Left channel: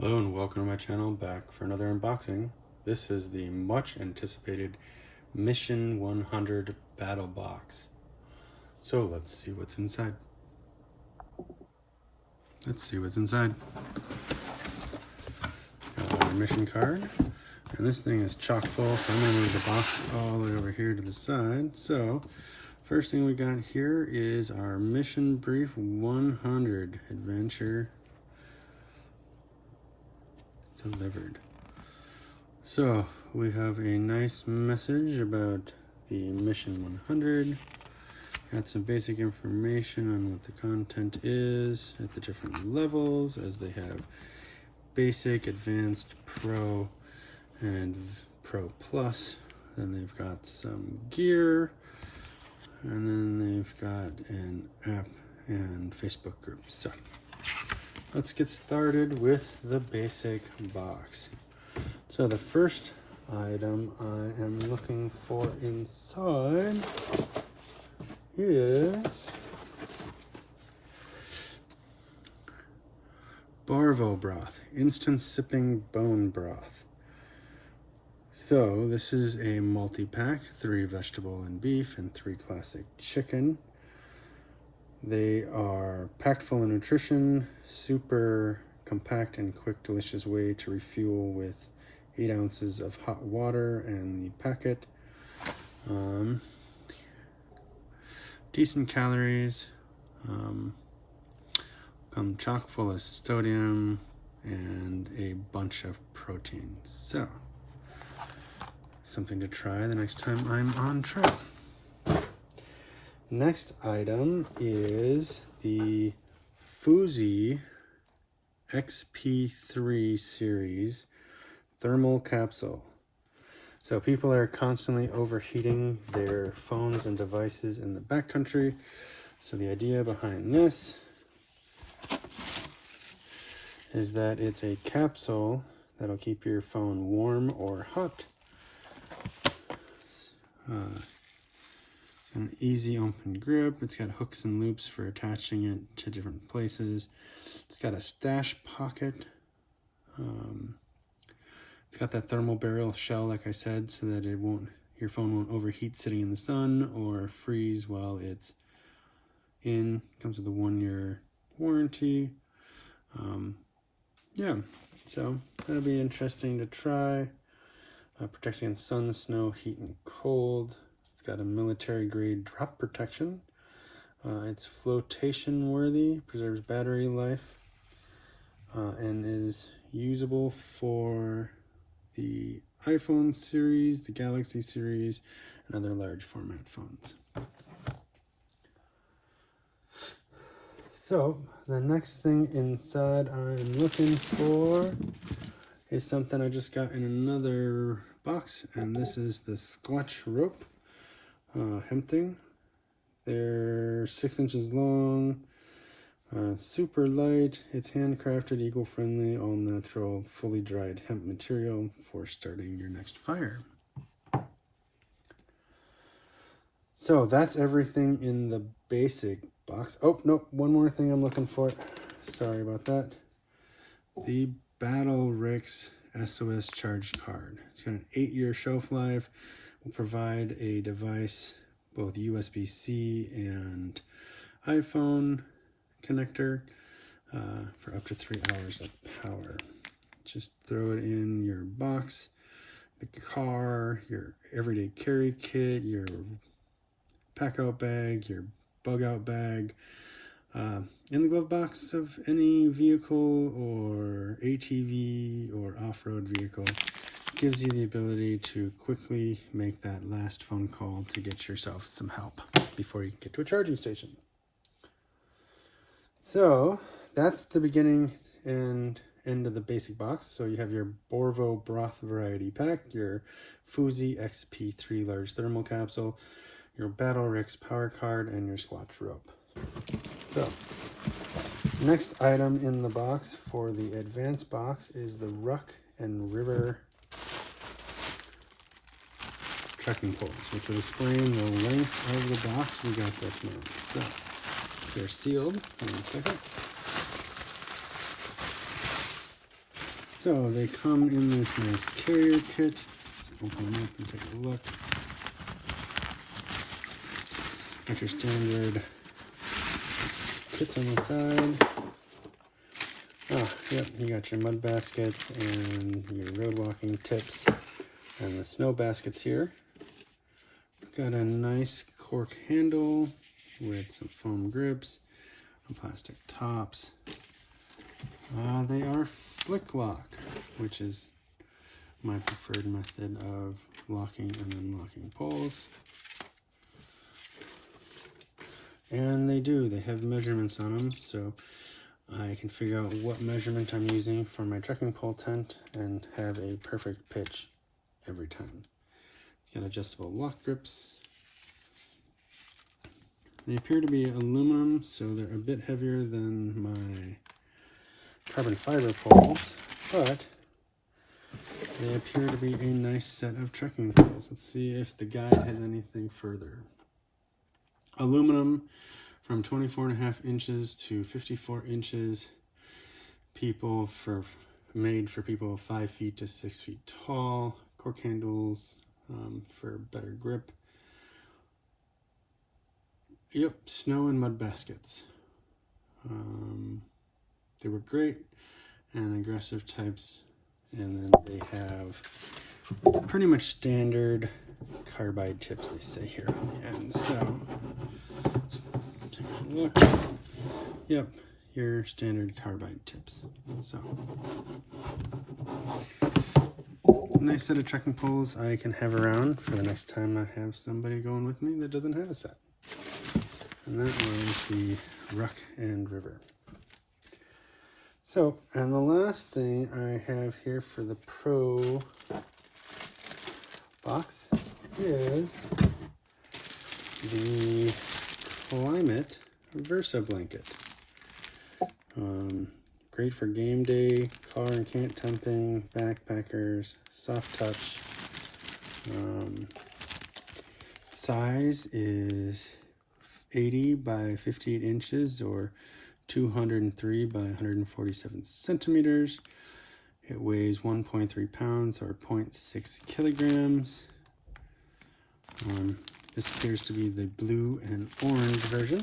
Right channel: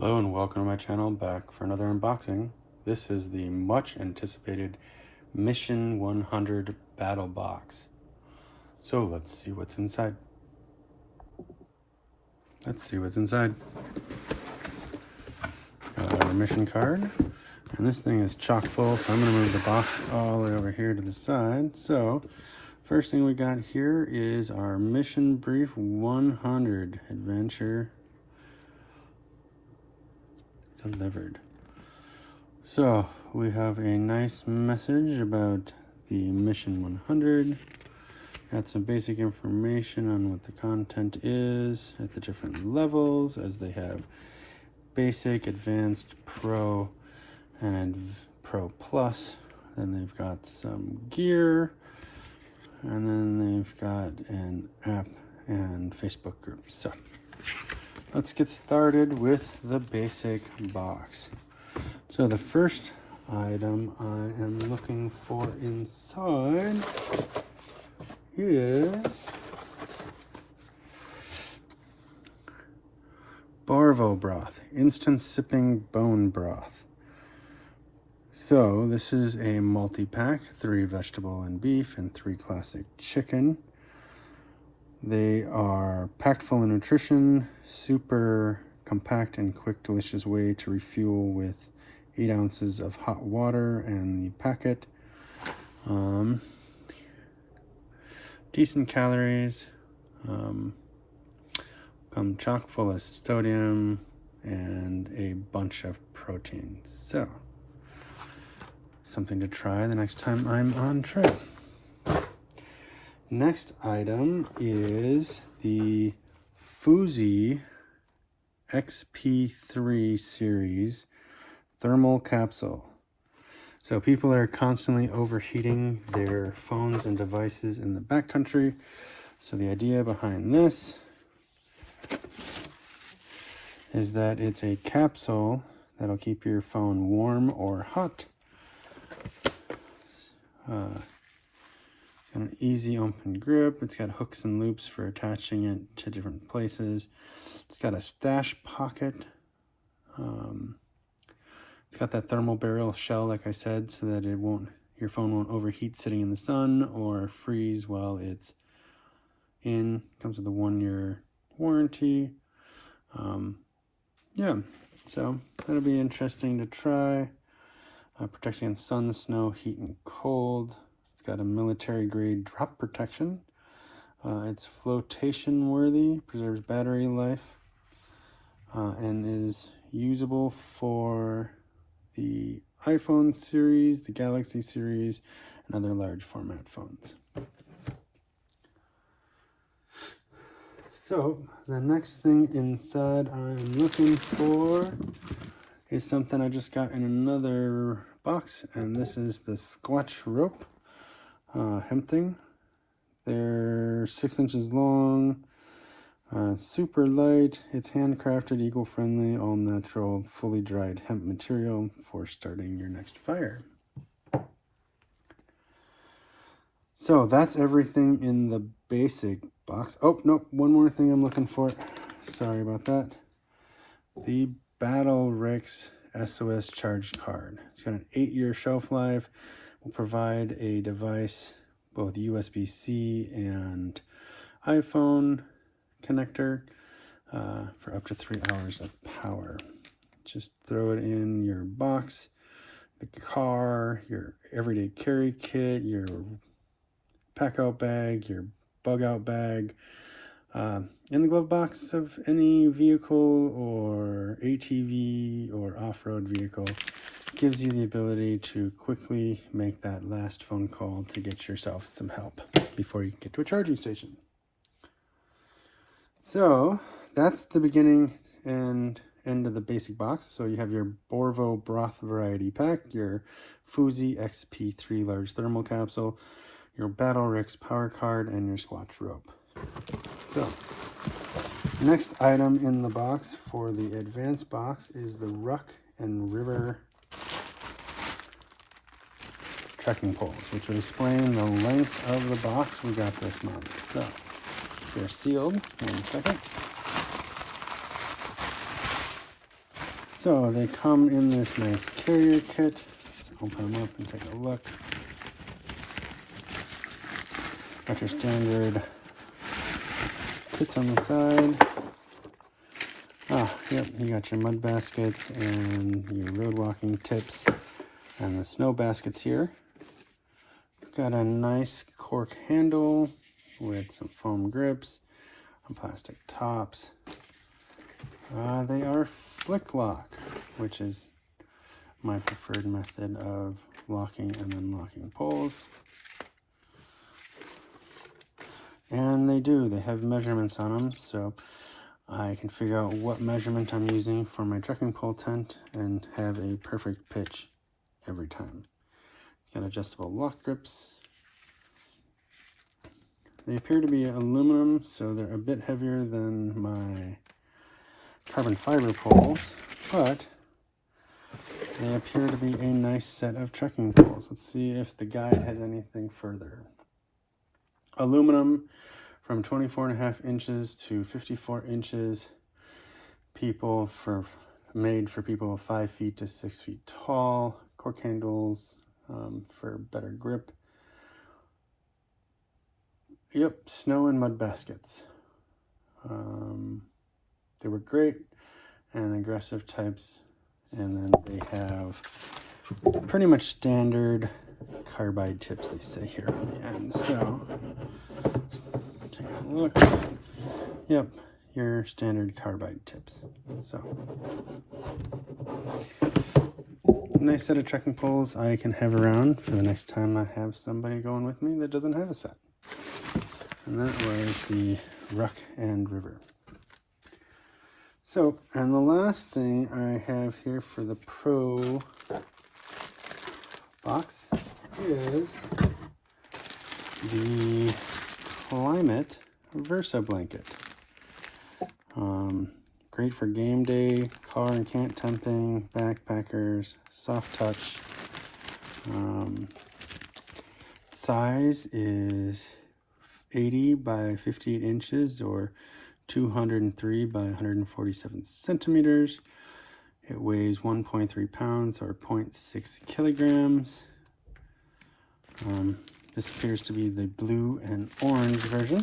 Hello and welcome to my channel, back for another unboxing. This is the much anticipated Mission 100 Battle Box. So let's see what's inside. Our mission card. And this thing is chock full, so I'm going to move the box all the way over here to the side. So first thing we got here is our Mission Brief 100 Adventure delivered. So we have a nice message about the Mission 100. Got some basic information on what the content is at the different levels, as they have basic, advanced, pro, and pro plus. Then they've got some gear, and then they've got an app and Facebook group. So let's get started with the basic box. So the first item I am looking for inside is Broth, instant sipping bone broth. So this is a multi-pack, 3 vegetable and beef and 3 classic chicken. They are packed full of nutrition, super compact and quick, delicious way to refuel with 8 ounces of hot water and the packet. Decent calories, come chock full of sodium and a bunch of protein. So something to try the next time I'm on trail. Next item is the Fuzi XP3 series thermal capsule. So people are constantly overheating their phones and devices in the backcountry. So the idea behind this is that it's a capsule that'll keep your phone warm or hot. It's got an easy open grip. It's got hooks and loops for attaching it to different places. It's got a stash pocket. It's got that thermal barrel shell, like I said, so that your phone won't overheat sitting in the sun or freeze while it's in. Comes with a 1-year warranty. Yeah, so that'll be interesting to try. Protects against sun, snow, heat, and cold. It's got a military grade drop protection. It's flotation worthy, preserves battery life, and is usable for the iPhone series, the Galaxy series, and other large format phones. So the next thing inside I'm looking for is something I just got in another box, and this is the Squatch rope hemp thing. They're 6 inches long, super light. It's handcrafted, eco-friendly, all-natural, fully dried hemp material for starting your next fire. So that's everything in the basic box. Oh, nope, one more thing I'm looking for. Sorry about that. The BattlBox SOS Charge Card. It's got an 8-year shelf life. Will provide a device, both USB-C and iPhone connector, for up to 3 hours of power. Just throw it in your box, the car, your everyday carry kit, your pack out bag, your bug out bag, in the glove box of any vehicle or ATV or off-road vehicle. Gives you the ability to quickly make that last phone call to get yourself some help before you get to a charging station. So that's the beginning and end of the basic box. So you have your Broth variety pack, your Fuzi XP3 large thermal capsule, your BattlBox power card, and your Squatch rope. So the next item in the box for the advanced box is the Ruck and River trekking poles, which will explain the length of the box we got this month. So they're sealed. 1 second. So they come in this nice carrier kit. Let's open them up and take a look. Got your standard kits on the side. Yep, you got your mud baskets and your road walking tips and the snow baskets here. Got a nice cork handle with some foam grips and plastic tops. They are flick lock, which is my preferred method of locking and unlocking poles. And they have measurements on them, so I can figure out what measurement I'm using for my trekking pole tent and have a perfect pitch every time. It's got adjustable lock grips. They appear to be aluminum, so they're a bit heavier than my carbon fiber poles, but they appear to be a nice set of trekking poles. Let's see if the guide has anything further. Aluminum from 24.5 inches to 54 inches. Made for people 5 feet to 6 feet tall. Cork handles for better grip. Yep, snow and mud baskets. They were great and aggressive types. And then they have pretty much standard carbide tips, they say here on the end. So let's take a look. Yep, your standard carbide tips. So nice set of trekking poles I can have around for the next time I have somebody going with me that doesn't have a set. And that was the Ruck and River. So, and the last thing I have here for the Pro box is the Climate Reverso blanket. Great for game day, car and camp temping, backpackers, soft touch. Size is 80 by 58 inches or 203 by 147 centimeters. It weighs 1.3 pounds or 0.6 kilograms. This appears to be the blue and orange version.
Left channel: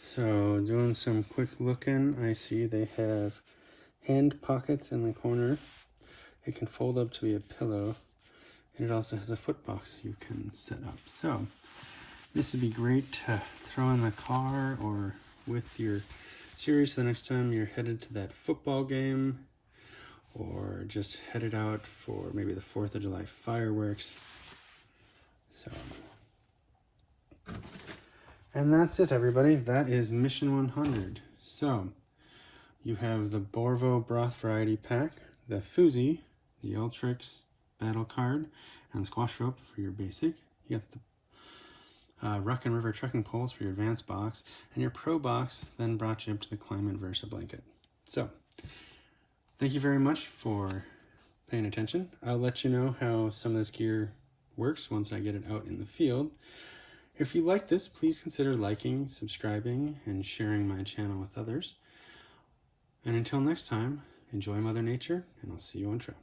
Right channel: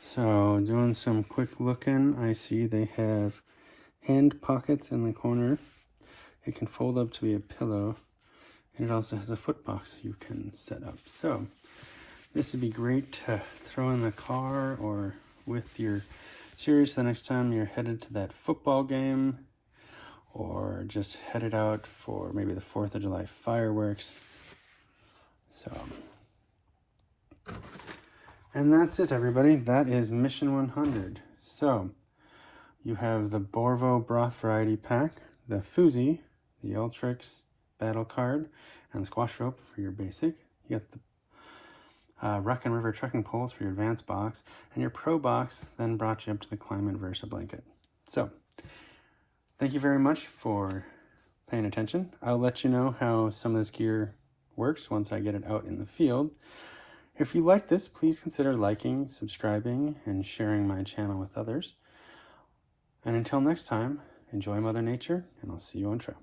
So doing some quick looking, I see they have hand pockets in the corner. It can fold up to be a pillow, and it also has a foot box you can set up. So this would be great to throw in the car or with your series the next time you're headed to that football game, or just headed out for maybe the 4th of July fireworks. So, and that's it, everybody. That is Mission 100. So you have the Broth variety pack, the Foozy, the Ultrix battle card, and the squash rope for your basic. You got the Ruck and River trekking poles for your advanced box, and your Pro box then brought you up to the Climate Reverso blanket. So thank you very much for paying attention. I'll let you know how some of this gear works once I get it out in the field. If you like this, please consider liking, subscribing, and sharing my channel with others. And until next time, enjoy Mother Nature, and I'll see you on trail.